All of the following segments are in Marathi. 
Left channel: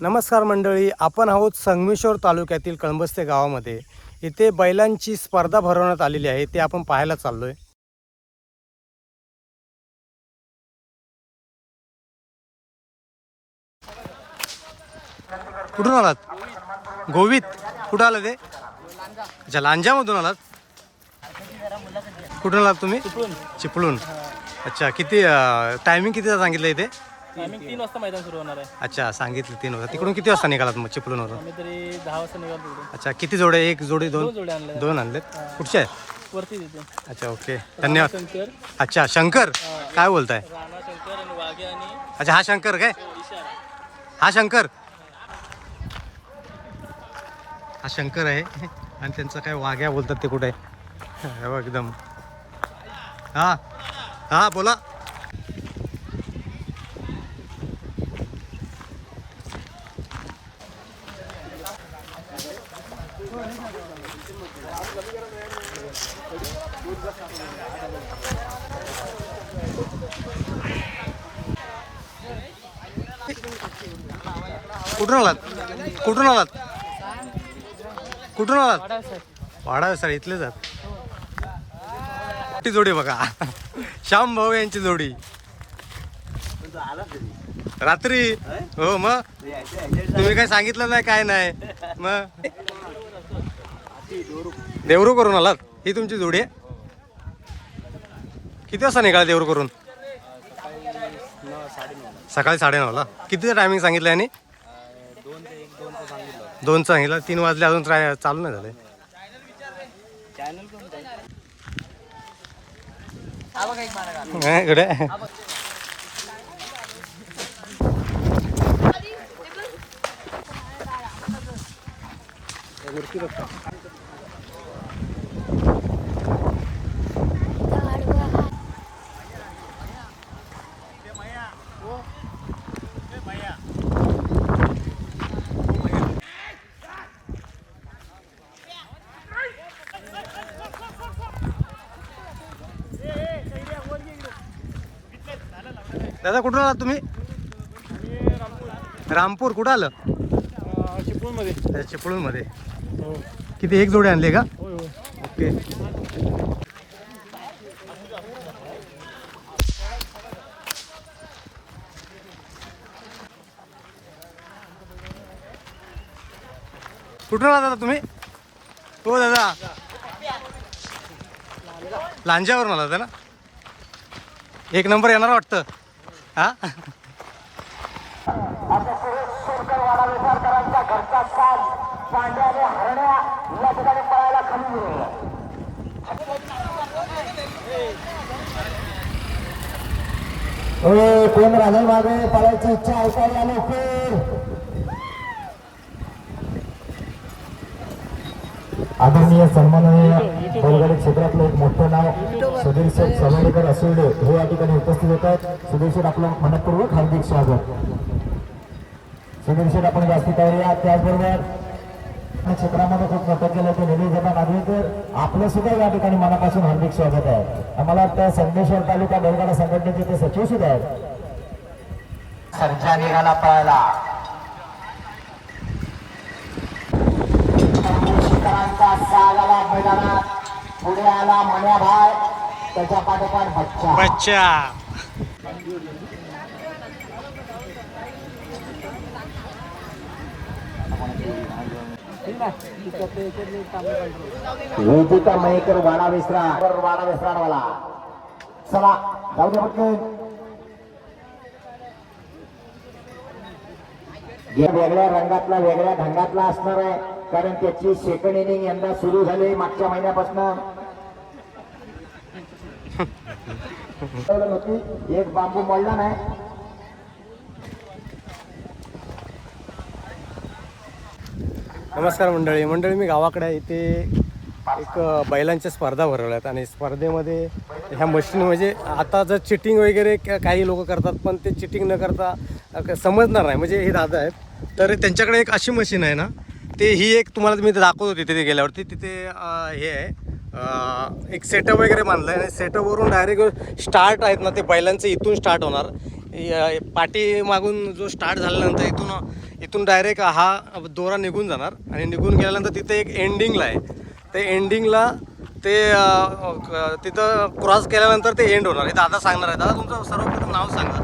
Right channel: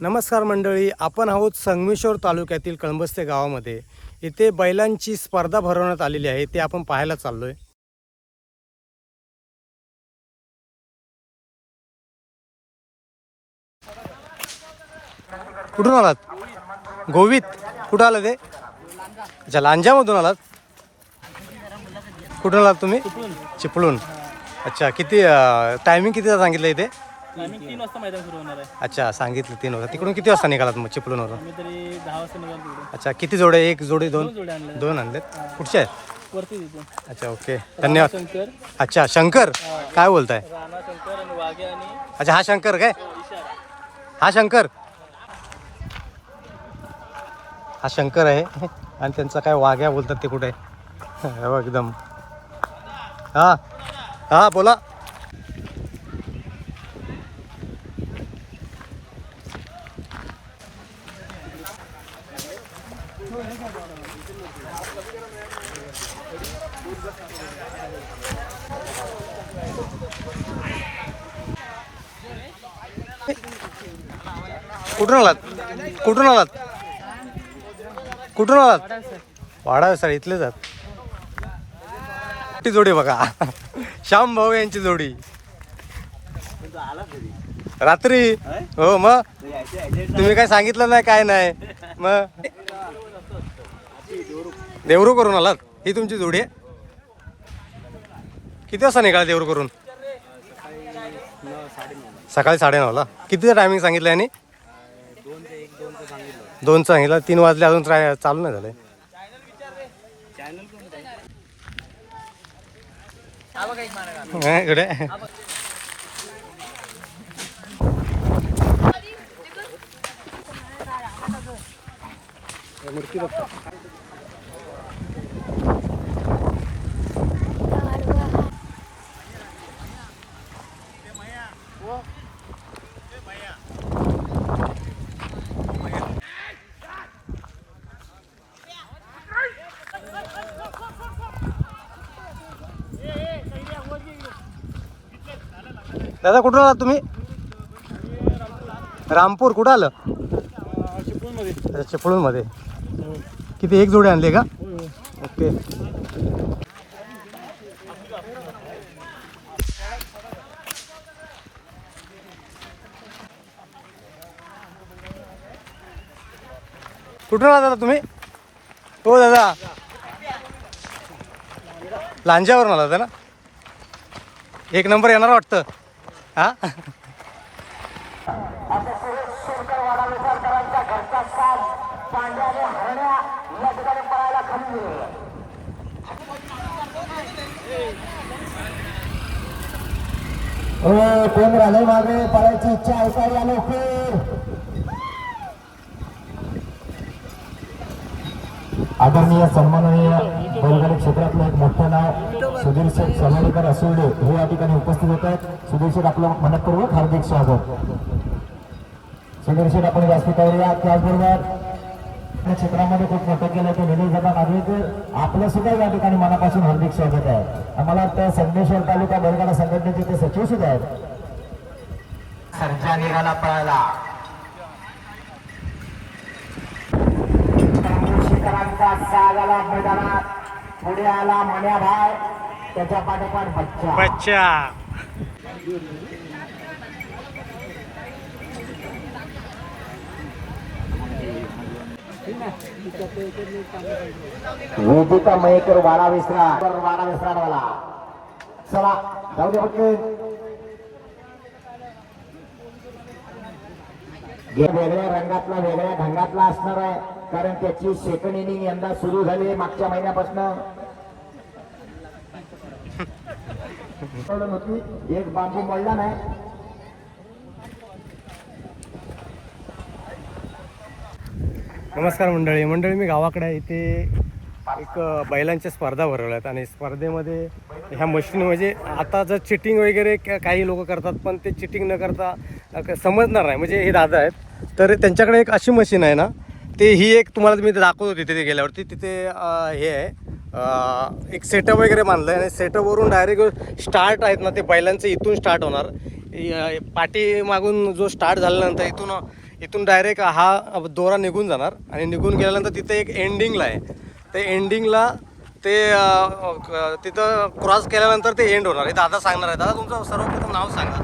नमस्कार मंडळी, आपण आहोत संगमेश्वर तालुक्यातील कळंबस्ते गावामध्ये. इथे बैलांची स्पर्धा भरवण्यात आलेली आहे, ते आपण पाहायला चाललोय. कुठून आलात? गोवित. कुठं आलं ते? अच्छा, लांजामधून आलात. कुठून आलात तुम्ही? चिपळूण. अच्छा, किती टायमिंग कितीचा सांगितलं इथे? 3 वाजता मैदान सुरू होणार आहे. अच्छा, सांगितलं 3 वाजता. तिकडून किती वाजता निघालात मग चिपळूणवरून? आम्ही तरी 10 वाजता निघालो तिकडे. अच्छा, किती जोडे? एक जोडी, दोन? 2 जोड्या आणल्या. दोन आणलेत. कुठचे आहेत? वरती तिथे अच्छा, ओके, धन्यवाद. शंकर, अच्छा, शंकर काय बोलताय? राणा शंकर आणि वाघे आणि अच्छा, हा शंकर काय? हा शंकर, हा शंकर आहे. आणि त्यांचा काय वाघ्या बोलतात ते कुठे आहे? बघ एकदम. हा हा, बोला. कुठून आलात? कुठून आलात? कुठून आलात? वाडा सर इथले जात. ती जोडी बघा, श्याम भाऊ यांची जोडी रात्री. हो, मग तुम्ही काय सांगितलं नाही, काय नाही. मग देवरू करून आलात? ही तुमची जोडी आहे? किती वाजता निघाला देवरू करून? सकाळी 9:30ला. कितीचं टायमिंग सांगितलं यांनी? 2 सांगितलं. 3 वाजले, अजून चालू नाही झालंय. इकडे दादा, कुठून आलात तुम्ही? रामपूर. कुठं आलं? चिपळूणमध्ये. चिपळूणमध्ये. किती, एक जोडी आणली का? ओके. कुठून आला दादा तुम्ही? हो दादा, लांजावरून आला ना? एक नंबर येणार वाटतं. हा, कोण राहिले मागे? पळायची इच्छा ऐकायला लवकर. आदरणीय सन्माननीय बैलगाडी क्षेत्रातलं एक मोठं नाव सुधीर शेठ सलोणीकर असुर्डे हे या ठिकाणी उपस्थित होत आहेत. सुधीर शेठ, आपलं मनपूर्वक हार्दिक स्वागत. सुधीर शेठ, आपण व्यासपीठावर या. त्याचबरोबर क्षेत्रामध्ये खूप मोठं केलं ते निलेश दादा नागवेकर, आपलं सुद्धा या ठिकाणी मनापासून हार्दिक स्वागत आहे. आम्हाला वाटतं संगमेश्वर तालुका बैलगाडा संघटनेचे ते सचिव सुद्धा आहेत. सर्जा निघाला पळायला. साग आला मैदानात. पुढे आला मन्याभाई, त्याच्या पाठोपाठ बच्चा. बच्चा. विजेता मयेकर वाडा विसराडवाला. चला जाऊ दे फक्त. वेगळ्या रंगातला, वेगळ्या ढंगातला असणार आहे, कारण त्याची सेकंड इनिंग यंदा सुरू झाली मागच्या महिन्यापासून. एक बांबू मोडला नाही. नमस्कार मंडळी. मी गावाकडे आहे. इथे एक बैलांच्या स्पर्धा भरवल्यात आणि स्पर्धेमध्ये ह्या मशीन, म्हणजे आता जर चिटिंग वगैरे काही लोक करतात, पण ते चिटिंग न करता समजणार नाही. म्हणजे हे दादा आहेत, तर त्यांच्याकडे एक अशी मशीन आहे ना, ते ही एक तुम्हाला मी दाखवत होती तिथे गेल्यावरती. तिथे हे आहे, एक सेटअप वगैरे बांधलं आहे आणि सेटअपवरून डायरेक्ट स्टार्ट आहेत ना ते बैलांचं इथून स्टार्ट होणार. पाठी मागून जो स्टार्ट झाल्यानंतर इथून डायरेक्ट हा दोरा निघून जाणार आणि निघून गेल्यानंतर तिथे एक एंडिंगला आहे. ते एंडिंगला ते तिथं क्रॉस केल्यानंतर ते एंड होणार. हे दादा सांगणार आहे. दादा तुमचं सर्वप्रथम नाव सांगा.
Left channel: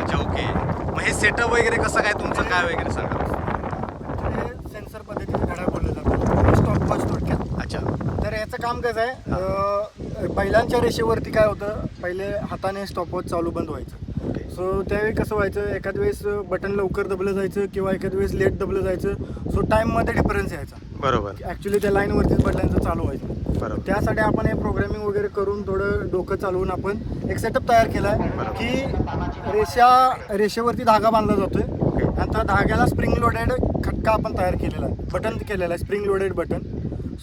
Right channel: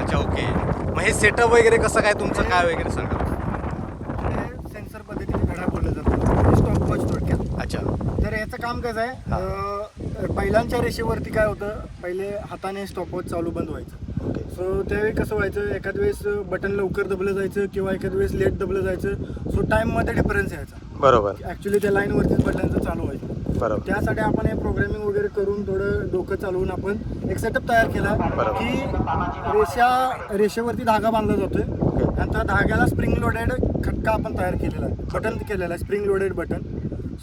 अच्छा ओके. मग हे सेटअप वगैरे कसं काय तुमचं काय वगैरे सांगा. सेन्सर पद्धतीने घड्याळ बोलले जातात, स्टॉपवॉच थोडक्यात. अच्छा. तर याचं काम कसं आहे, बैलांच्या रेषेवरती काय होतं, पहिले हाताने स्टॉपवॉच चालू बंद व्हायचं. सो त्यावेळी कसं व्हायचं, एखाद वेळेस बटन लवकर दबलं जायचं किंवा एखाद वेळेस लेट दबलं जायचं. सो टाईममध्ये डिफरन्स यायचा. बरोबर. ॲक्च्युली त्या लाईनवरतीच बटनाचं चालू व्हायचं. बरोबर. त्यासाठी आपण हे प्रोग्रामिंग वगैरे करून थोडं डोकं चालवून आपण एक सेटअप तयार केला आहे की रेषेवरती धागा बांधला जातोय आणि त्या धाग्याला स्प्रिंग लोडेड खटका आपण तयार केलेला आहे, बटन केलेला आहे, स्प्रिंग लोडेड बटन.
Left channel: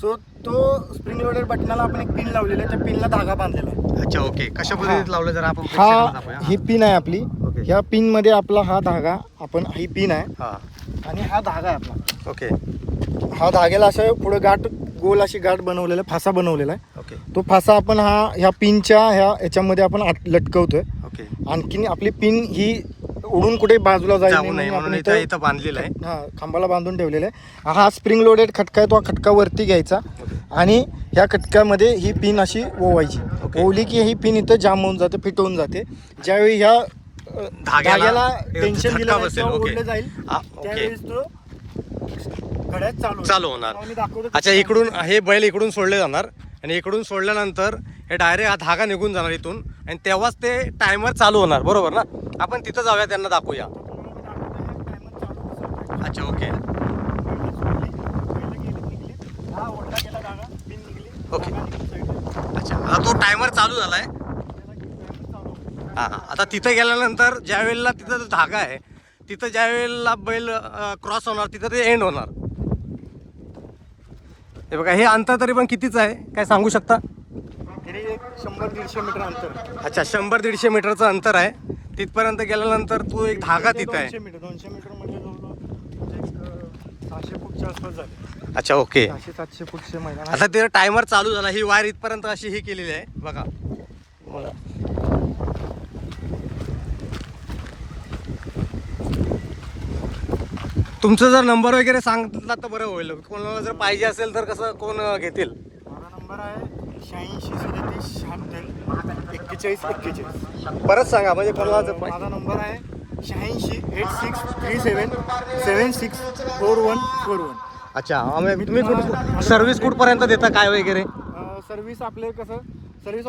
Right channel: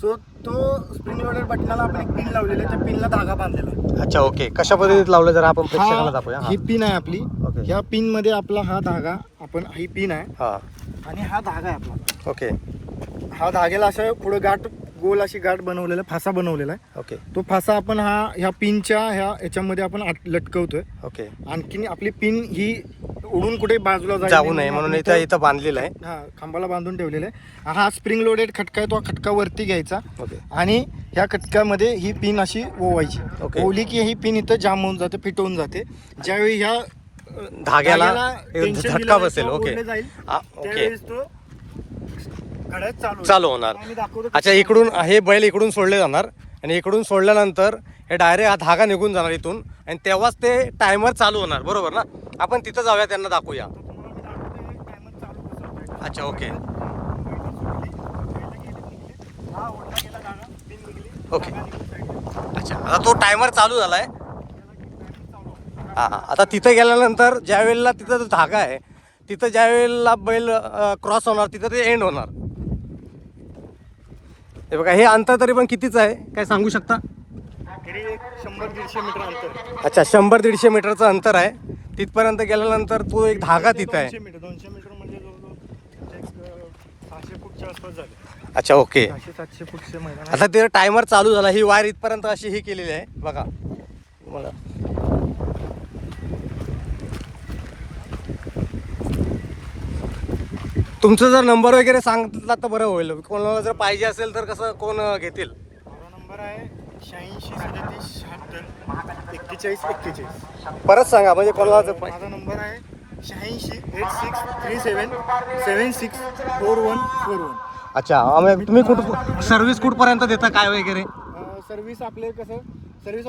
सो तो स्प्रिंग लोडेड बटनाला आपण एक पिन लावलेली आहे, त्या पिनला धागा बांधलेला आहे. अच्छा ओके. कशा पद्धतीत लावलं जरा आपण प्रेक्षकांना दाखवूया. ही पिन आहे आपली. ओके. ह्या पिन मध्ये आपला हा धागा, ही पिन आहे हा. आणि हा धागा आहे आपला. ओके. हा धाग्याला असं पुढे गाठ, गोल अशी गाठ बनवलेला, फासा बनवलेला आहे. ओके. तो फासा आपण ह्या पिनच्या ह्याच्यामध्ये आपण लटकवतोय. ओके. आणखीन आपली पिन ही उडून कुठे बाजूला जाऊ नये म्हणून इथं बांधलेलं आहे. हा, खांबाला बांधून ठेवलेला आहे. हा स्प्रिंग लोडेड खटका आहे, तो खटका वरती घ्यायचा ओके. आणि ह्या खटक्यामध्ये ही पिन अशी ओवायची. ओके. ओवली की ही पिन इथं जाम होऊन जाते, फिट होऊन जाते. ज्यावेळी ह्या धाग्याला tension झटका दिलं बसेल. किंवा ओके. ओढलं जाईल, ओके. त्यावेळेस तो घड्याळ चालू होणार. आम्ही दाखवतो. अच्छा, इकडून हे बैल इकडून सोडले जाणार आणि इकडून सोडल्यानंतर हे डायरेक्ट हा धागा निघून जाणार इथून आणि तेव्हाच ते टायमर चालू होणार. बरोबर ना? आपण तिथं जाऊया, त्यांना दाखवूया. अच्छा ओके. ओके. अच्छा, आता तो टायमर चालू झालाय. हां, आता तिथे गेल्यानंतर ज्या वेळेला तिथं जो धागा आहे तिथं ज्या वेळेला बैल क्रॉस होणार तिथं ते एंड होणार. हे बघा, हे अंतर तरी पण कितीच आहे काय सांगू शकता? 100-150 मीटर अंतर. अच्छा, 100-150 मीटरचं अंतर आहे. तिथपर्यंत गेल्यानंतर तो एक धागा तिथं आहे. 200 मीटर म्हणजे जवळजवळ 600 फूटच्या आसपास झाले. अच्छा ओके. 700 फूटचे मैदान. आता ते टायमर चालू झाला. ही वायर इथपर्यंत अशी ही केलेली आहे बघा. मला तुमचा जर नंबर वगैरे सांगितला तर बरं होईल. कोणाला जर पाहिजे असेल तर कसं कोण घेतील? माझा नंबर आहे 86 37 71 41. परत सांगा म्हणजे कोणाला जर माझा नंबर आहे 86 8637 764141. अच्छा, तुम्ही सर्व्हिस कुठपर्यंत देता काय वगैरे? सर्व्हिस आपले कसं, सर्व्हिस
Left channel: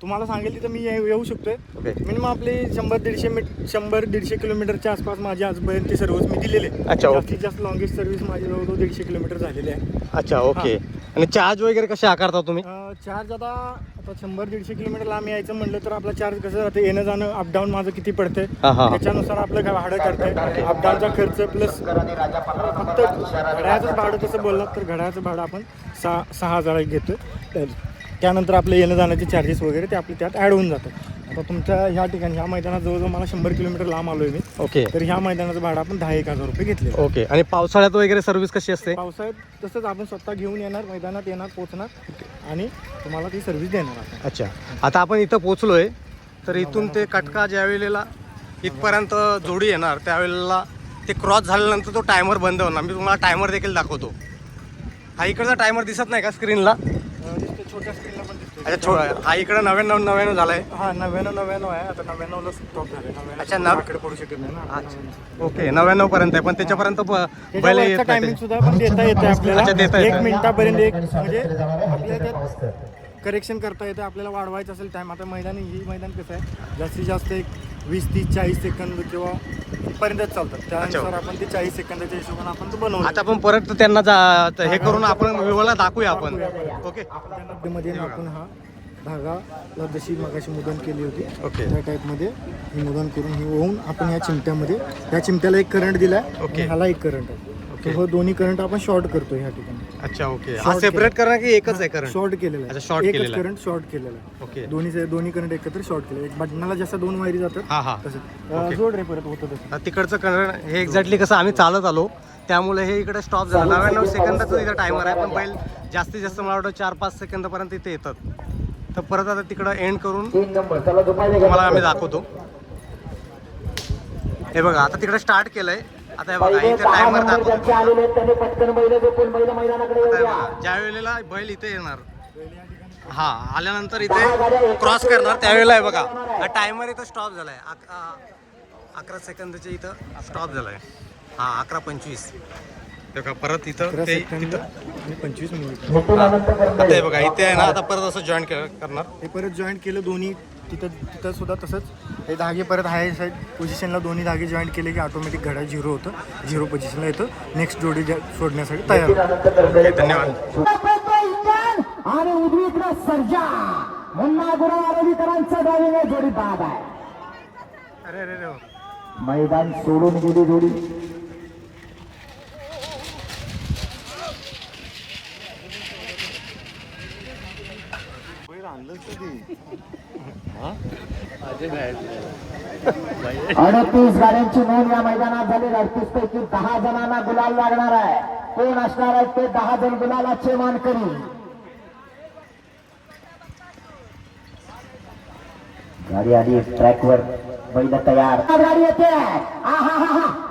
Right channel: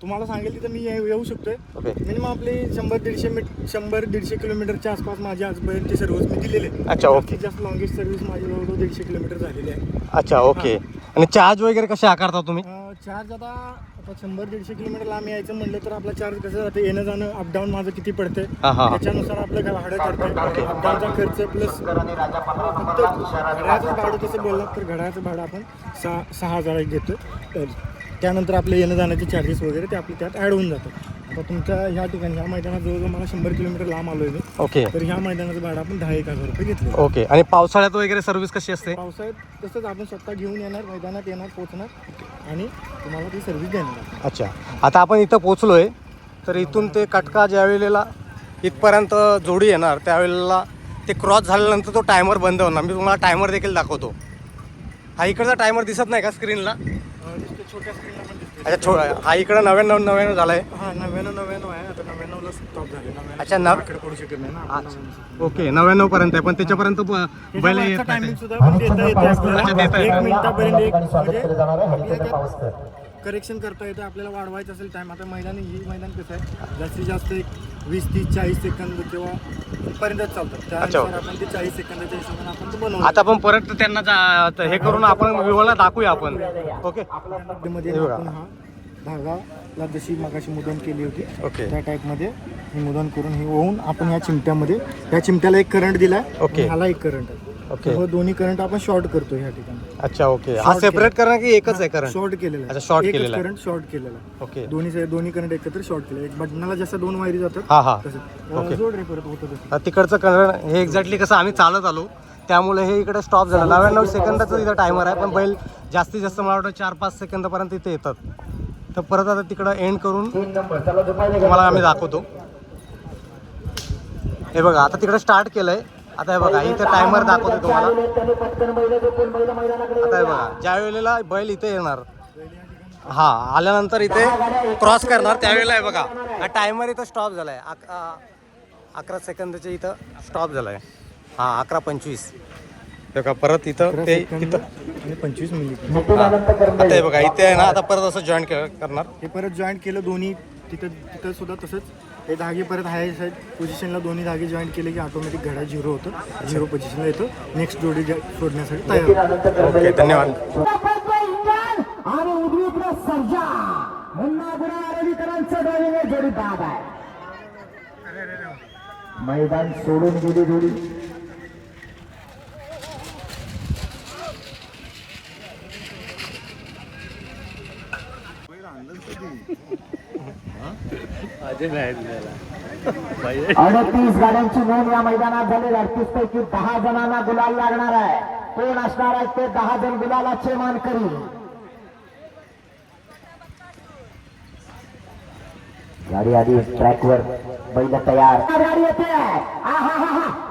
तुम्हाला सांगेल तिथं मी येऊ शकतोय. ओके. मिनिमम आपले 100-150 किलोमीटरच्या आसपास माझी आजपर्यंत सर्व्हिस मी दिलेली आहे. अच्छा ओके. जास्तीत जास्त लॉंगेस्ट सर्व्हिस माझी जवळजवळ 150 किलोमीटर झालेली आहे. अच्छा ओके. आणि चार्ज वगैरे कसे आकारता तुम्ही? चार्ज आता 100-150 किलोमीटर लांब यायचं म्हणलं तर आपला चार्ज कसं राहते, येणं जाणं अपडाऊन माझं किती पडतंय त्याच्यानुसार आपलं भाडं ठरतंय. अपडाऊनचा खर्च प्लस फक्त घड्याळाचं भाडं तसं बोललात तर घड्याळाचं भाडं आपण 6,000 घेतो. तर त्यानंतर आपले येणं जाण्याचे चार्जेस वगैरे ते आपले त्यात ॲड होऊन जातात. आता तुमच्या ह्या ठिकाणी ह्या मैदानात जवळजवळ मला 100 किलोमीटर लांब आलो आहे मी. ओके. तर ह्या मैदानाचं भाडं आपण 10,000 रुपये घेतले. ओके. आणि पावसाळ्यात वगैरे सर्व्हिस कशी असते? पावसाळ्यात तसंच आपण स्वतः घेऊन येणार, मैदानात येणार, पोहोचणार आणि तुम्हाला ती सर्व्हिस देणार आपण. अच्छा, आता आपण इथं पोचलोय तर इथून ते कटका ज्या वेळेला इथपर्यंत जोडी येणार त्यावेळेला ते क्रॉस झाल्यानंतर तो टायमर बंद होणार. मी तुम्हाला टायमर देखील दाखवतो. हा इकडचा टायमर दिसत नाही का स्क्रीनला? छोट्या स्क्रीनला पण दिसते. अच्छा, हा इकडं 99 झालाय. हा 99 आहे. आता 99ला स्टॉप झाले. 99 अच्छा, कडे पडू शकत नाही ना. ओके, 99 पर्यंत आहे पण त्याच्यापर्यंत बैल येत टायमिंग नाही. सुद्धा पण देता येते आपल्याला. अच्छा, देता येतं. 1 मिनिटापर्यंत एक म्हणजे आपल्याला करेक्शन करता येतं. आपल्याला वाढवायचं असेल टाइम. आता ही मैदान कसं आहे, जास्तीत जास्त एक 20-30-40 सेकंद किंवा पर्यंतच चालतात. त्यानुसार आपण ते 40 सेकंदाच्या हिशोबाने आपण तो बनवतो. आता आपण परत त्यांना हे करून आपण विवळला दाखवूया आपण. ओके. मध्ये आपण हा धागाला जशी मगाशी मुदन केली होती ओके. त्या टाईपमध्ये ही मुदन करून ही ओवून आपण ह्या चिमट्यामध्ये, त्या चिमट्याला एक करंट दिलाय. ओके. ह्याला एक करंट आहे. ओके. हो, दोन्ही करंट आपण शॉर्ट करतो ह्या ठिकाणी. अच्छा ओके. हा सेपरेट करणं की एकच आहे करंट? शॉर्ट केलेला आहे. अच्छा, शॉर्ट केलेला आहे. करंट शॉर्ट केलेला आहे. ओके. दोन्ही करंट एकत्र शॉर्ट केले. एक बटनाला जसं 2 वायरी जातात हा हा. तसं जोड रे परत होतं तसं. तिकडचं करंट हे एक्झॅक्टली कसं आम्ही चालत आलो त्यामुळे हे इकडे स्टॉप झालं. 99 सेकंदाचं तिथं टायमर आहे पण बैल जास्तीत जास्त मला वाटतं 4-5 सेकंदापर्यंत इथे येतात. तर परत आता तिकडं एंड करून 3 नंबर चला दुपारी तुम्हाला आम्ही दाखवतो. हे बघा आता तिकडे स्टार्ट केलंय. आता हे बघा इथे टायमर दाखवतो तुम्हाला. त्याने पटकन बैल झोपून बैल मैदानाकडे आता हे बघा ज्या वेळेला बैल इथे येणार, हा आल्यानंतर इथे क्रॉस करणार त्यावेळेला आहे बघा हा टायमर इथं स्टॉप झालाय. 11 सेकंदच्या इथं स्टॉप झालाय. हा 11:25. बघा परत इथं ते तिथं 25 मिनिट आता हे बघा इथे आहे ना. आता परत असं जॉईन करणार. हे परत जॉईंट केलं दोन्ही. तिथं सुद्धा तसंच हे धागे परत हाय साईड पोझिशनला दोन्ही धागे जॉईंट केले की ऑटोमॅटिक घड्याळ 0 होतं. 0 पोझिशनला येतं. नेक्स्ट जोडी सोडण्यासाठी तयार होतं. ओके धन्यवाद. आणि उजवीकडे सर्जा मुन्ना गुरा रविकरांचं ड्रायव्हिंग जोडी बाद आहे. मैदान सोडून गेली जोडी. आणि 30 गाड्यांची नोंद या मैदानात झाली. 38 पैकी 10 जणांना गुलाल लागणार आहे. कोण असणार आहेत ते 10 जण गुलालाचे मानकरी. गाडी आली ट्रॅकवर. बैल तयार. गाडी येते.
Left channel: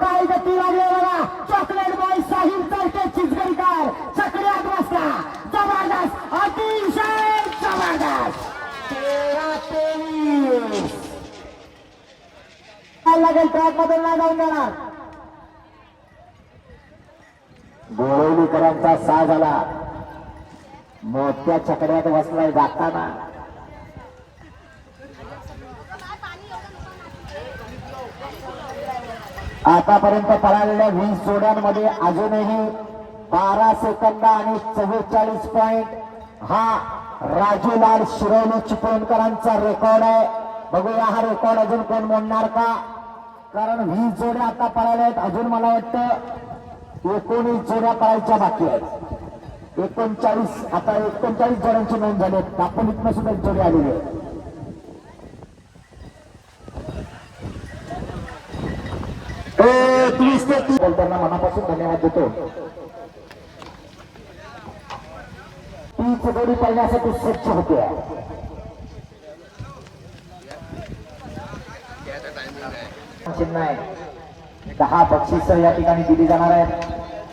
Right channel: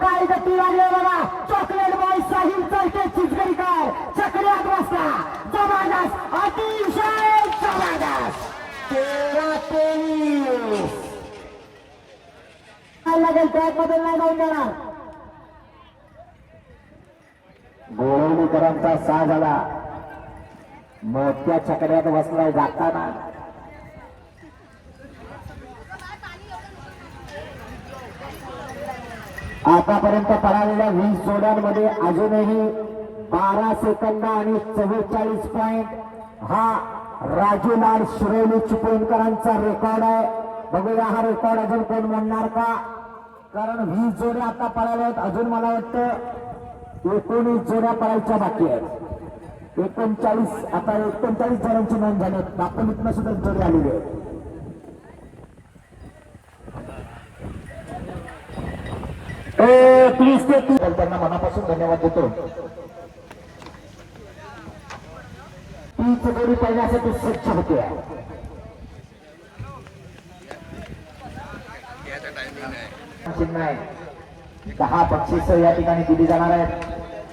काय गती लागली बघा. चॉकलेट बॉय साहिल चरके चिचगरीकर चक्र्यात बसला. जबरदस्त अतिशय जबरदस्त. 13-23 काय लागेल ट्रॅक मध्ये नाही जाऊन देणार. गोळवलीकरांचा 6 झाला. मोठ्या चक्र्यात बसलाय जाताना. आतापर्यंत पळालेल्या 20 जोड्यांमध्ये अजूनही 12 सेकंद आणि 44 पॉइंट हा राजूलाल शिरोली चिपळूणकरांचा रेकॉर्ड आहे. बघूया हा रेकॉर्ड अजून कोण मोडणार का. कारण 20 जोड्या आता पळाल्या आहेत. अजून मला वाटतं 19 जोड्या पळायच्या बाकी आहेत. 39 आता 39 जणांची नोंद झाली. दापोलीतनं सुद्धा जोडी आलेली आहे. त्यांना मनापासून धन्यवाद देतो. तीच जोडी पाहण्यासाठी सज्ज होते. चिन्ह आहे. 10 बक्षीस या ठिकाणी दिली जाणार आहेत.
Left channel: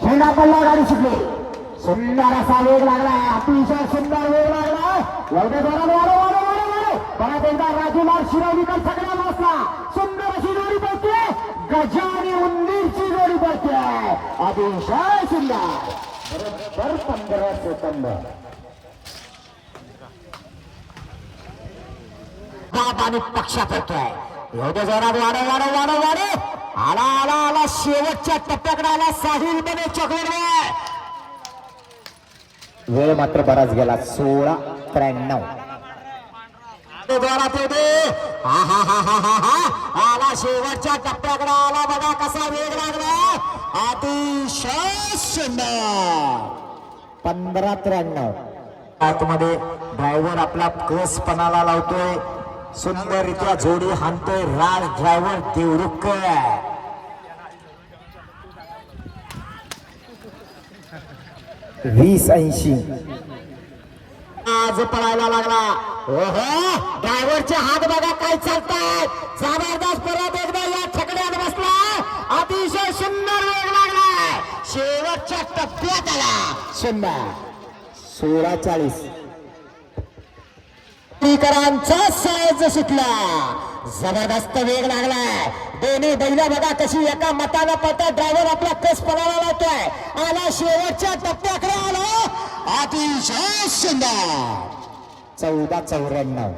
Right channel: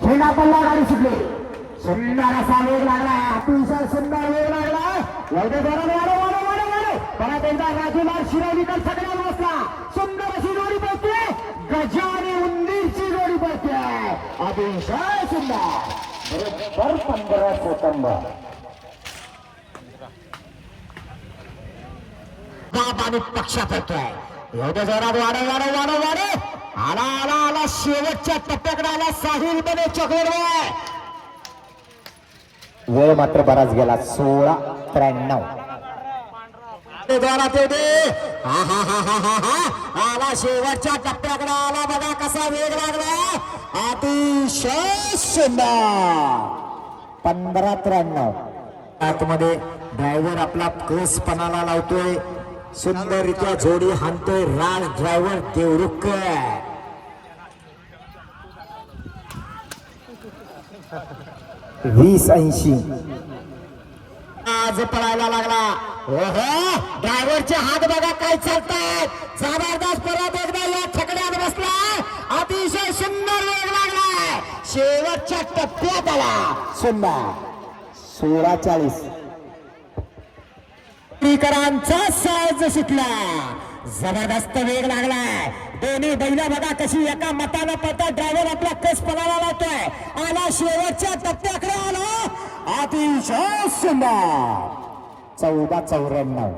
झेंडा पल्ला गाडी सुटली. सुंदर असा वेग लागला. अतिशय सुंदर वेग लागला. परत एकदा राजूलाल शिरोलीकर सगळ्या बसला. सुंदर अशी जोडी पडते. गजाने उंदीरची जोडी पडते. अतिशय सुंदर. बरोबर 15 सेकंद. आणि पक्षात येतोय. एवढं जोरात वाढ आला शेवटच्या टप्प्याकडे आला. साहिल बने चक्र. वेळ मात्र बराच गेला. 16:93 जोरात येते. आला शेवटच्या टप्प्याकडे आला. बघा कसा वेग लागला. अतिशय सुंदर. 15:93 आतमध्ये ड्रायव्हर आपला कसपणाला लावतोय. सुंदररित्या जोडी हाणतोय राज ड्रायव्हर देवरुखकर. 20-80 आज पळायला लागला. ओहो ड्रायव्हरचे हात बघा काय चालतात. जबरदस्त. परत एकदा या छकड्यात बसला. अतिशय सुंदर वेग लागला. शेवटच्या टप्प्यात आला. सुंदर. 16:40 करांचा साज सुटला. जबरदस्त वेग लागलाय. दोन्ही बैल बघा कशी एका मताला पळतात. ड्रायव्हर आपला कस पळायला लावतोय. आला शेवटच्या टप्प्याकडे आला. अतिशय सुंदर. 14:94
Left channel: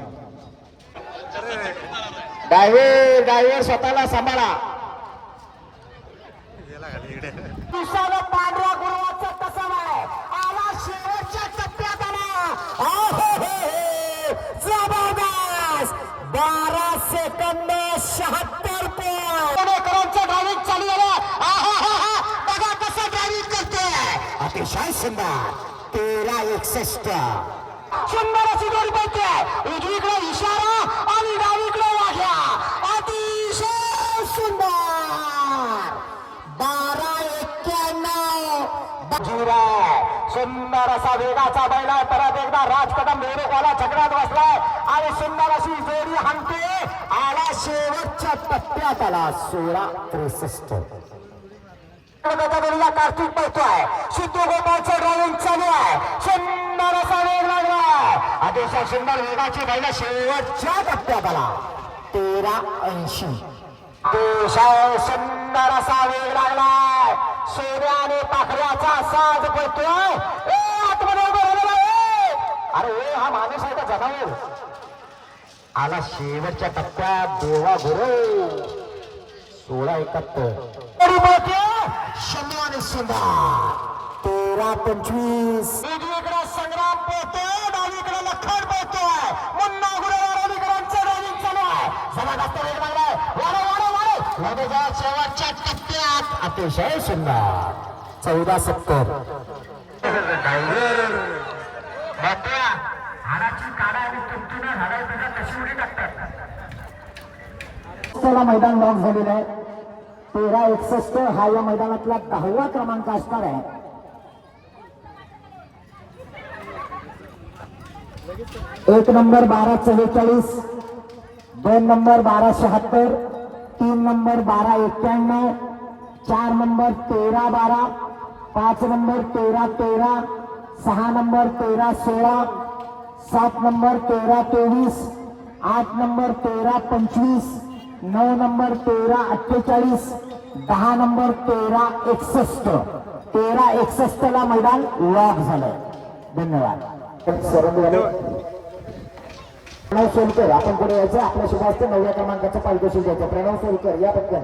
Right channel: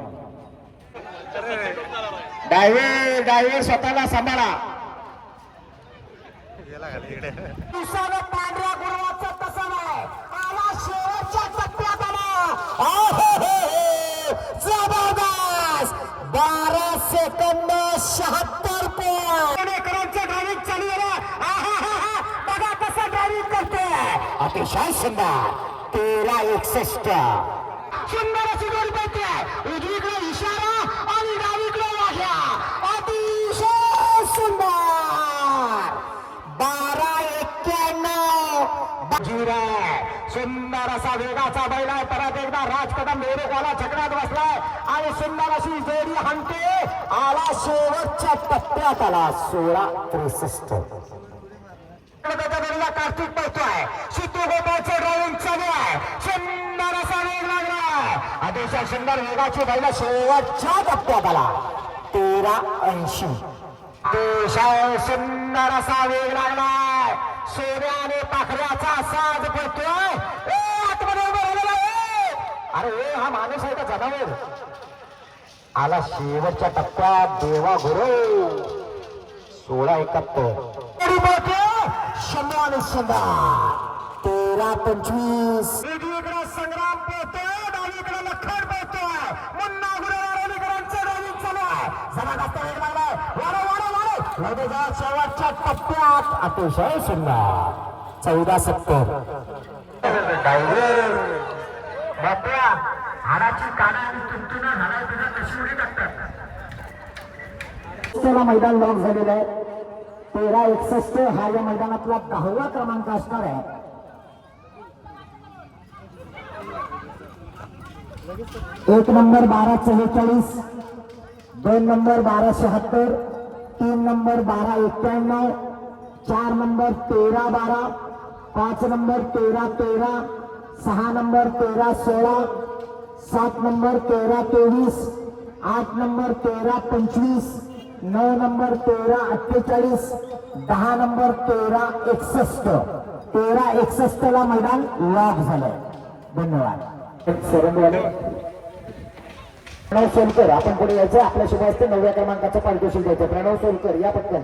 ड्रायव्हर स्वतःला सांभाळा. पांढऱ्या गुरुवाचा तसा नाही. आला शेवटच्या टप्प्यात आला. जबरदस्त. 12 सेकंद 76 पुणेकरांचं ड्रायव्हिंग चालू झालं. बघा कसं ड्रायव्हिंग करते. अतिशय सुंदर. 13:61 सुंदर अशी जोडी पडते. उजवीकडे इशारा आणि डावीकडे वाघ्या. अतिशय सुंदर. 12:91 बाजूला सुंदर असा वेगाचा बैल आहे. परत एकदा राजकदम बेरोगाला झगड्यात बसलाय आणि सुंदर अशी जोडी हाणते. आला शेवटच्या टप्प्यात आला 16-63. कार्तिक पळतोय. सिद्धू गोपाळचं ड्रायव्हिंग चालू आहे. सुंदर असा वेग लागलाय. अतिशय सुंदर वेगाची बैल शेवटच्या टप्प्यात आला 13-80. अतिशय सुंदर असा वेग लागलाय. सोन्याने पाखऱ्याचा साज पळतोय. आतमध्ये उभं राहिलेला आहे. अरे हा माणूस आहे का जनावर? आला शेवटच्या टप्प्यात देवा गुरु 16-71. शंभू आणि शंभा 13-25. वेगवेगळा संग्राम पळतोय. डावीकडे लखन पळतोय. मुन्ना गुरुवारांचं ड्रायव्हिंग चालू आहे. जबरदस्त वेग लागलाय. वाढव शेवटच्या टप्प्यात अतिशय सुंदर 14-70. मोठ्या हाडाची काना आणि तुमतुना हाडाला कशी उडी टाकतात. मैदान लॉक झालेलं आहे. 13-61 हा या मैदानातला 10वा क्रमांक असणार आहे. एक number 12-44, 2 number 12-76, 3 number 12-91, 4 number 13-12, 5 number 13-13, 6 number 13-16, 7 number 13-23, 8 number 13-25, 9 number 13-48, 10 number 13-61. 13-61 ला मैदान लॉक झालंय. धन्यवाद. प्रणव सोलकर आपण पुढे यायचं. आपल्या शुभास्ते 9व्या क्रमांकाचं पारितोषिक द्यायचं. प्रणव सोलकर या पटकन.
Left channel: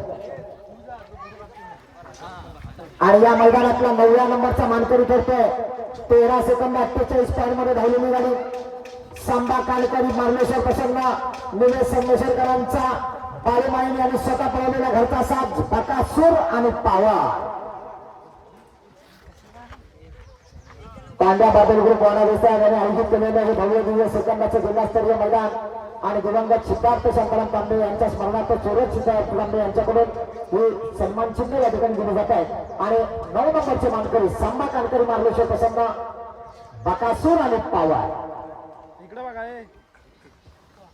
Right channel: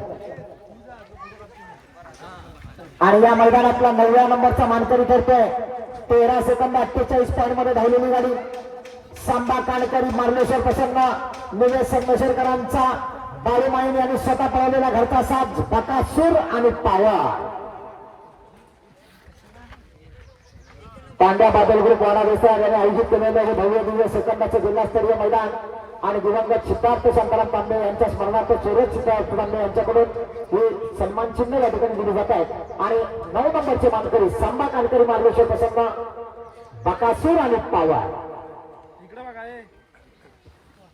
आणि या मैदानातला 9व्या नंबरचा मानकरी ठरतोय. 13 सेकंद 48 पॉईंट मध्ये धावलेली गाडी सांबा कानकरी मार्लेश्वर प्रसन्न निलेश संगमेश्वरकरांचा बाळूमाईन यांनी स्वतः पळवलेला घरचा साज बकासूर आणि पावा. पांड्या बादल ग्रुप वाणावेसे आयोजित केलेलं हे भव्य दिव्य सेकंदाचे जिल्हास्तरीय मैदान आणि दिवंगत सिद्धार्थ शांताराम तांबे यांच्या स्मरणार्थ चोरत सिद्धार्थ तांबे यांच्याकडून हे सन्मान चिन्ह या ठिकाणी दिले जात आहे. आणि 9 नंबरचे मानकरी सांबा कानकरी मार्लेश्वर प्रसन्न बकासूर आणि पावा.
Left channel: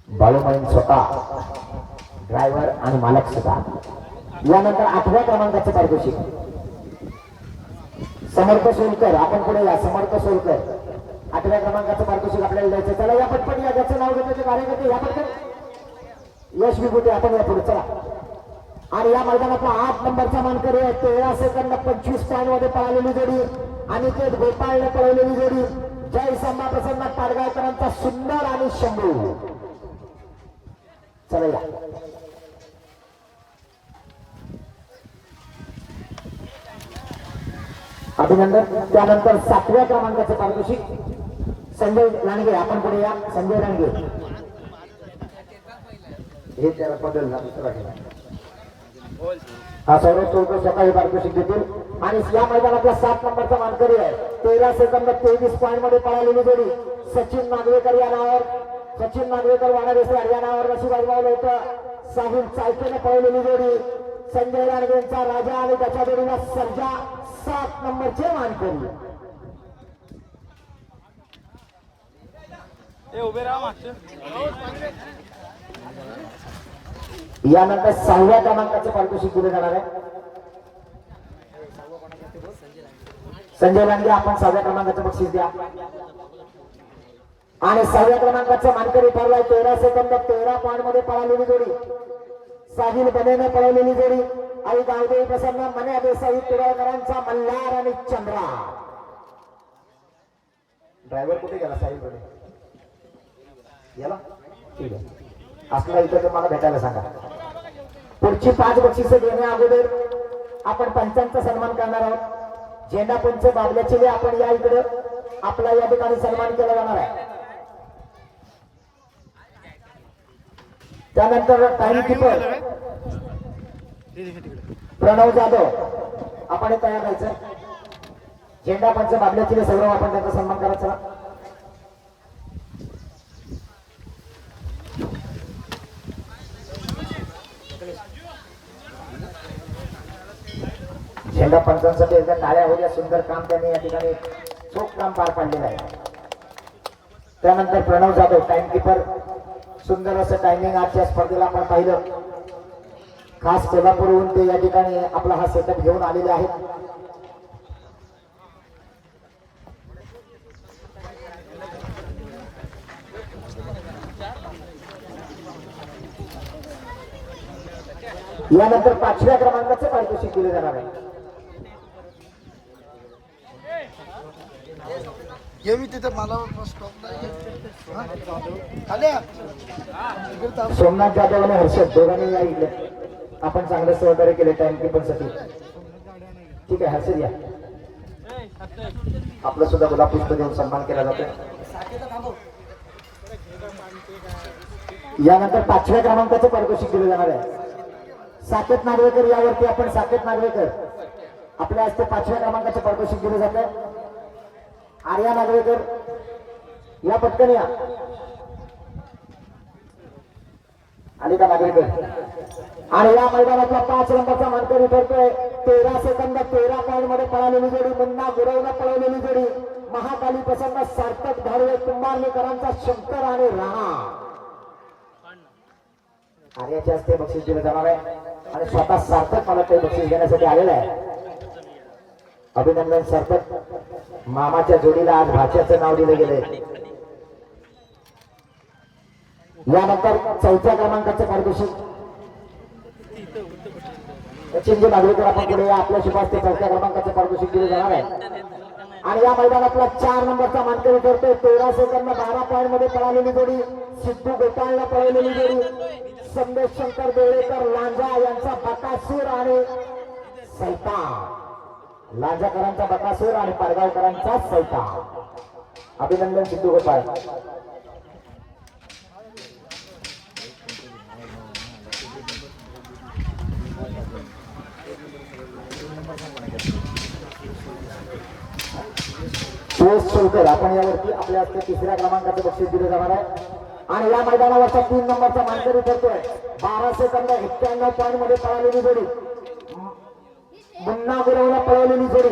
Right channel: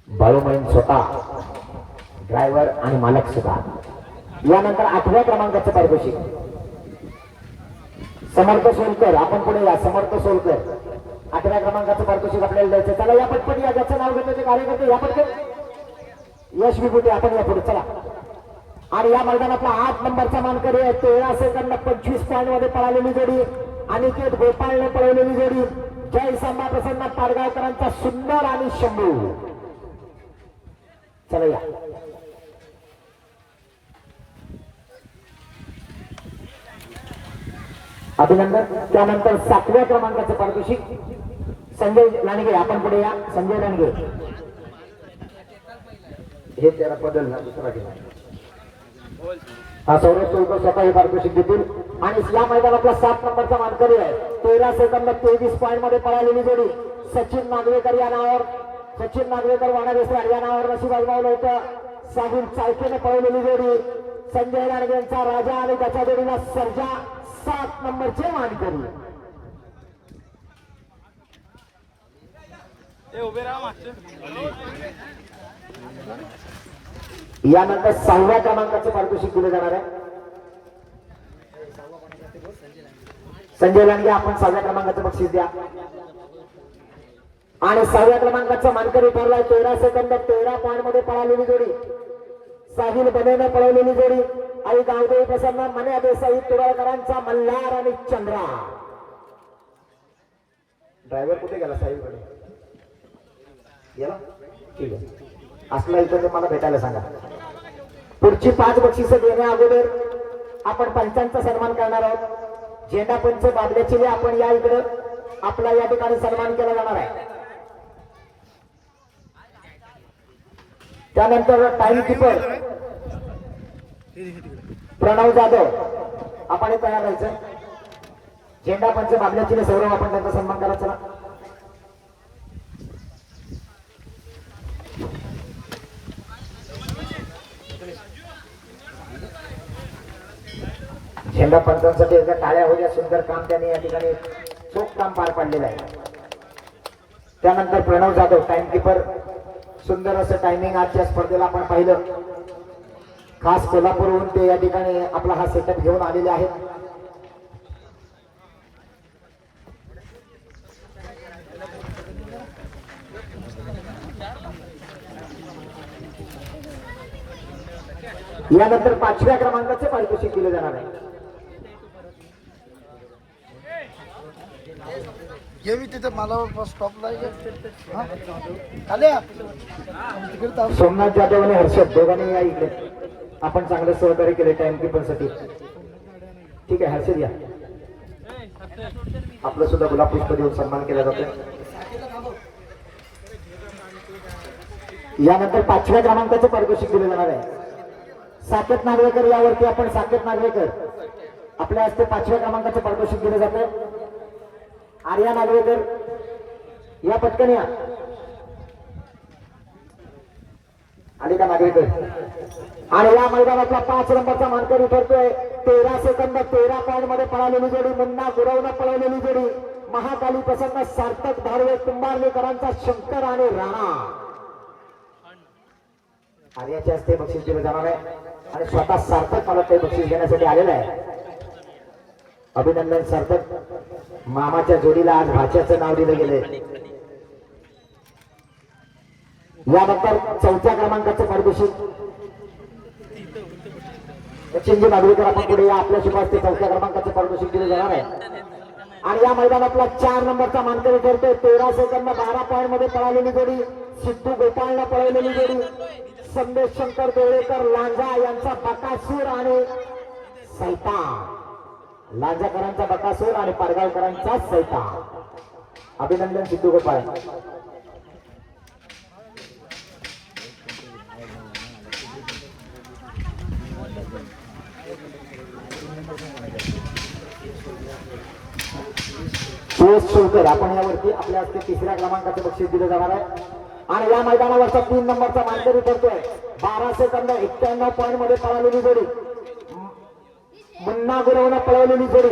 बाळूमाईन स्वतः ड्रायव्हर आणि मालक सुद्धा. यानंतर 8व्या क्रमांकाचं पारितोषिक समर्थ सोलकर आपण पुढे या. समर्थ सोलकर 8व्या क्रमांकाचं पारितोषिक आपल्याला द्यायचं. चला या पटपट या. ज्याचं नाव घेतो ते कार्यकर्ते या पटकन. यश विभूती आपण या पुढे चला. आणि या मैदानातला 8 नंबरचा मानकरी आहे. 13 सेकंद 25 पॉईंट मध्ये पळालेली जोडी अनिकेत गोपाळने पळवलेली जोडी जय सांबा प्रसन्न पाडगावकरांचा सुंदर आणि शंभू. चला या. अभिनंदन. त्यानंतर 7व्या क्रमांकाचं पारितोषिक संजय लांडगे आपण पुढे या. संजय लांडगे हे त्याला बदल दुसरा केला. हा सौरभ सोलकर स्वतः हे पारितोषिक देतील. आणि या मैदानातला 7 नंबरचा मानकरी आहे. 13 सेकंद 23 पॉईंट मध्ये पळालेली जोडी सचिन नागवेकर या नावावर. सचिन नागवेकर वाणावेसर या नावावर नशीब आजमावलं होतं. साहिल चालकेने पळवलेली जोडी संजय लांडगेंचा राजा आणि त्याच्या जोडीला सर्जा 7 नंबरचे मानकरी. यानंतर 6व्या क्रमांकाचे पारितोषिक दिले जाणार आहे. संजय लांडगे आपण 6व्या क्रमांकाचं बक्षीस द्या. आणि 6व्या क्रमांकाचं मानकरी ठरलाय. 13 सेकंद 13 पॉईंट मध्ये पळालेली जोडी साहिल बनेने पळवलेली जोडी आई गावदेवी प्रसन्न मन्या देसाई पिराळकरांचा मल्हार आणि चंद्रा. ड्रायव्हर कुठे गेला? साहिल बने गेला. ठीक आहे. असला इथं तुम्हाला भेटायला सांगा. पुढची 5 बक्षिसे देण्या अगोदर आपण पंचांचा सन्मान करणार आहोत. झेंडा पंच बाबल्याचे आपण या इकडे आपला या ठिकाणी सन्मान केला जाणार आहे. त्यानंतर टाइम कीपर प्रणव जाधव आपण तयार राहायचं. झेंडा पंच बाबल्याचे सर्व आपण त्यांचा सन्मान करायचा. झेंडा पंचांसाठी एकदा टाळ्या होत्या. सुंदर काम त्यांनी या ठिकाणी चोख काम पार पाडलेलं आहे. त्यानंतर प्रणव जाधव टाइमकीपर, सुंदर असं टायमिंग आजच्या स्पर्धेला आपण पाहिलं. खास कोल्हापूरहून ते या ठिकाणी आपला हा सेटअप घेऊन आलेले आहेत. यानंतर 5व्या क्रमांकाचं पारितोषिक दिलं जाणार आहे. सोमनाथ जाधव आणि हर्षद दोघांनी या इकडे. आपण चांगलं सहकार्य केलं टाइमकीपर साठी. ठीक आहे हर्षद या. आपलं सुद्धा गुलाब पुष्प देऊन सन्मान केला जातो. यानंतर 5व्या क्रमांकाचं पारितोषिक दिलं जाणार आहे. साकेत नागवेकर यावरती आपण साकेत नागवेकर आपल्या हस्ते 5व्या क्रमांकाचे पारितोषिक दिलं जात आहे. आर्या नागवेकर या पटकन या. आली का नागवेकर? आणि या मैदानातला 5 नंबरचा मानकरी ठरतोय. 13 सेकंद 13 पॉइंट मध्ये पळालेली जोडी, मुन्ना गुरवनं पळवलेली जोडी, महाकाली प्रसन्न सार्थक धाडवे कुंभारलेकरांचा शंकर आणि राणा. आर्याच्या हस्ते बक्षीस दिलं जाणार आहे आणि स्वतः सार्थक मला काही बक्षीस घेण्यासाठी आलेला आहे. अभिनंदन सार्थक. मामाच्या जोडीला आज भाच्याचं नाव दिलं गेलंय. यानंतर 4थ्या क्रमांकाचं पारितोषिक चिंजी नागवेकर आपण पुढे या. आपल्या शिफारस 4थ्या क्रमांकाचं पारितोषिक दिलं जाणार आहे. आणि या मैदानातला 4 नंबरचा मानकरी ठरतोय. 13 सेकंद 12 पॉइंट मध्ये पळालेली जोडी, सिद्धू गोपाळला पळवलेली जोडी, संदेश शंकर देवळेकर लांजा यांचा बकासूर आणि सैतान. लांजाकरांचा बकासूर आणि पारगावकरांचा सैतान. अभिनंदन सिद्धू गोपाळ. सुरेश आपण यावरती आपल्या हस्ते 3ऱ्या क्रमांकाचे बक्षीस दिले जाणार आहे. आणि या मैदानावरचा 3 नंबरचा मानकरी ठरतोय. 12 सेकंद 91 पॉइंट मध्ये पळालेली जोडी, मुन्ना गुरवनं पळवलेली जोडी,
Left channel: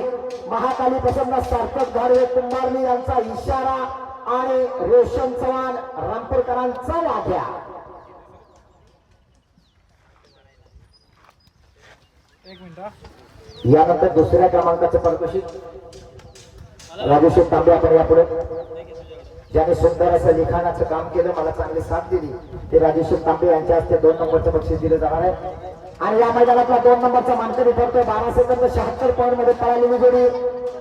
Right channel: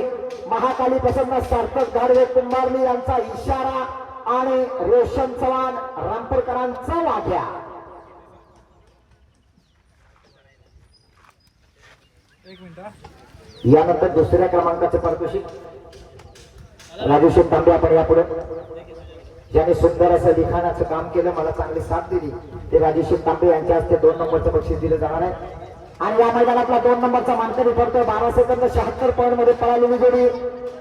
महाकाली प्रसन्न सार्थक धाडवे कुंभारली यांचा इशारा आणि रोशन चव्हाण रामपूरकरांचा वाघ्या. यानंतर 2ऱ्या क्रमांकाचे पारितोषिक राजूशेठ तांबे आपण यापुढे ज्याने सुंदर असं लिखाणाचं काम केलं, मला चांगली साथ दिली, ते राजूशेठ तांबे यांच्या हस्ते 2 नंबरचं बक्षीस दिलं जाणार आहे. आणि या मैदानातला 2 नंबरचा मानकरी ठरतोय. 12 सेकंद 76 पॉइंट मध्ये पळालेली जोडी,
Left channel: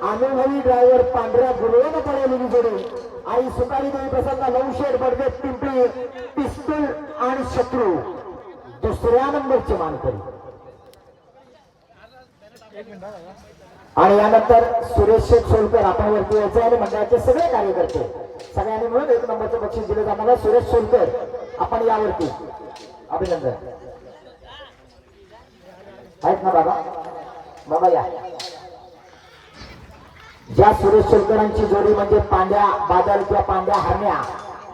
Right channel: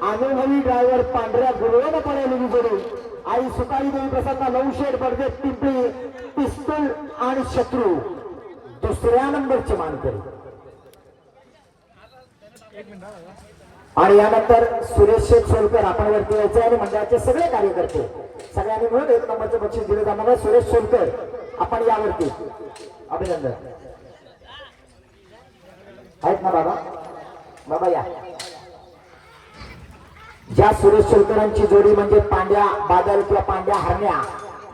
अनुभवी ड्रायव्हर पांढऱ्या गुरुवानं पळवलेली जोडी, आई सुकाळी देवी प्रसन्न लवशेड बडदे पिंपळी पिस्तूल आणि शत्रू 2ऱ्या नंबरचे मानकरी. आणि यानंतर सुरेश शेठ सोलकर आपण वरती यायचे आणि मंडळाचे सगळे कार्यकर्ते सगळ्यांनी मिळून 1 नंबरचं बक्षीस दिलं जाणार आहे. सुरेश सोलकर आपण यावरती. अभिनंदन. आहेत ना बाबा? बाबा या. ज्या सुरेश सोलकरांची जोडी म्हणजे पांड्या बादल किंवा पांड्या हरण्या,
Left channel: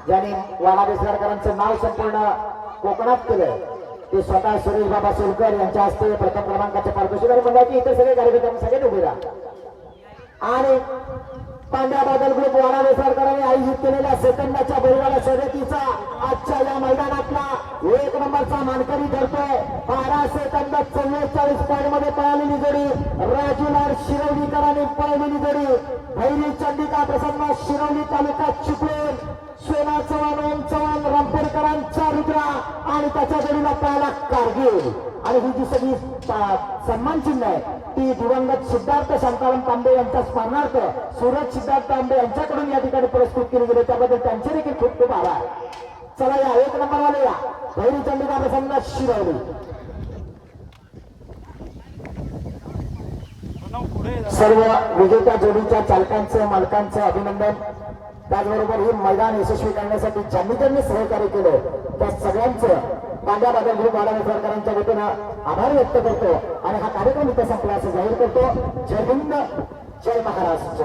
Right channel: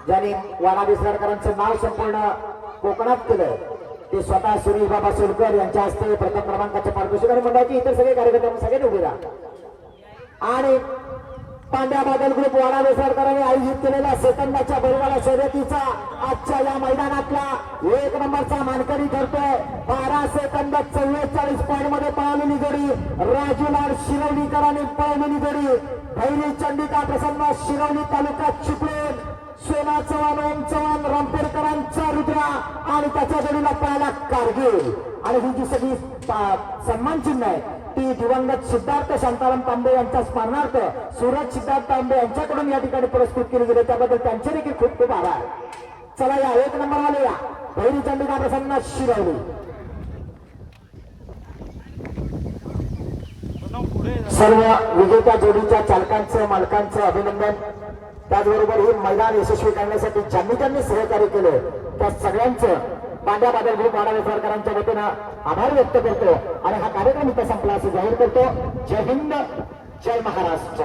ज्यांनी वाडा बेसरकरांचं नाव संपूर्ण कोकणात केलंय, ते स्वतः सुरेश बाबा सोलकर यांच्या हस्ते प्रथम क्रमांकाचे पारितोषिक आणि मंडळाचे इतर सगळे कार्यकर्ते सगळ्यांनी उभे राहा. आणि पांड्या बादल ग्रुप वाडा बेसरकरांनी आयोजित केलेल्या सेकंदाच्या बैलगाडा शर्यतीचा आजच्या या मैदानातला 1 नंबरचा मानकरी ठरतोय. 12 सेकंद 44 पॉइंट मध्ये पळालेली जोडी, राजूलाल शिरवलीकरांनी पळवलेली जोडी, भैरी चंडिका प्रसन्न शिरवली तालुका चिपळूण, सोना चव्हाण चव्हाण रामपूरकरांचा रुद्रा आणि त्याच्या जोडीला पळाला कारगिल. आणि ही जी सगळी सन्मान चिन्ह आहे ती दिवंगत सिद्धार्थ शांताराम तांबे यांच्या स्मरणार्थ सूरज सिद्धार्थ तांबे यांच्याकडून या ठिकाणी पुरस्कृत केले गेले, त्याबद्दल त्यांचे देखील खूप खूप आभार. चला या 1 नंबरवाले या भैरी चंडिका प्रसन्न शिरवली. सर्व विजेत्या जोडीच्या चालकांचं मालकांचं अभिनंदन. त्याचबरोबर हे मैदान यशस्वी करण्यासाठी ज्यांनी त्यांनी सहकार्य केले त्या सगळ्यांचं पांड्या बादल ग्रुप वाडा सरकारांच्या वतीनं आभार व्यक्त करतो आणि हा कार्यक्रम इथं संपला असं जाहीर करतो. जय हिंद, जय महाराष्ट्र.